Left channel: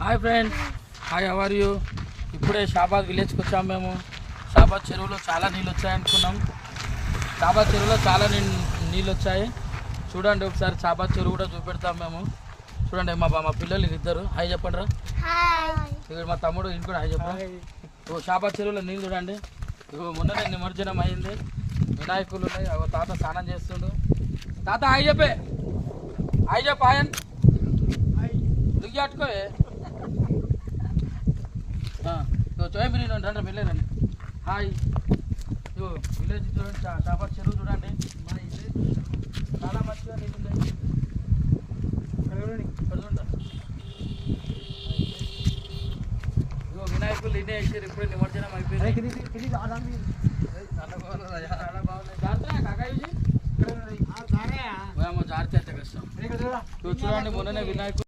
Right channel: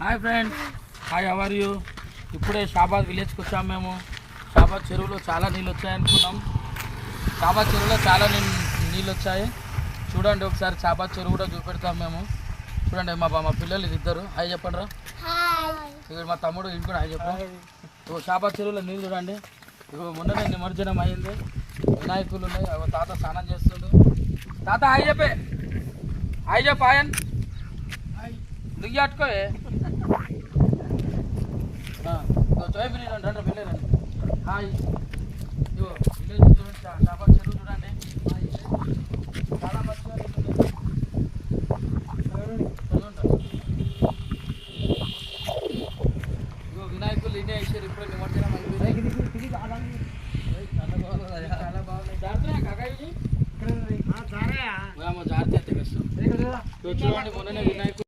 Hi friend, hi how are you? ఇప్పుడే షాబాద్ విలేజ్కి వచ్చాము మేము. షాబాద్ చెరువులో చాలా నీళ్ళు వచ్చాయనుకున్నాం. షాబాద్ చెరువులో చాలా నీళ్ళు వచ్చాయి. చూడండి ఒకసారి షాబాద్ చెరువు కూడా చూపెడతాం మేము. చూడండి మా పిల్లలు ఇద్దరు హాయ్ చెప్పండి రా. ఇక్కడ మా తమ్ముడు ఇంక కూడా హాయ్ చెప్పండి. షాబాద్ చెరువులో నీళ్ళు చూడండి. ఇప్పుడు మొన్ననే నిమజ్జనం అయింది. వినాయకులు ఉన్నాయి. తాత స్నానం చేస్తుండు. తాత హాయ్ చెప్పే. హాయ్ చెప్ప ఆయన దిగి అట్టుకోయే. చోయబిరి రండి వెళ్ళారండి. హాయ్ ఇగో విలేజ్ చూడండి. షాబాద్ చెరువు చూడండి. చాలా మంచిగా ఇగో వినాయకులు ఇన్నే వేసారు. ఇప్పుడు నిమజ్జనం అయిపోయింది. చాలా బాగున్నాయి. జాగ్రత్త కాకా ఇది జాగ్రత్త అయితే కష్టం. చూడండి మొన్ననే వినాయకులు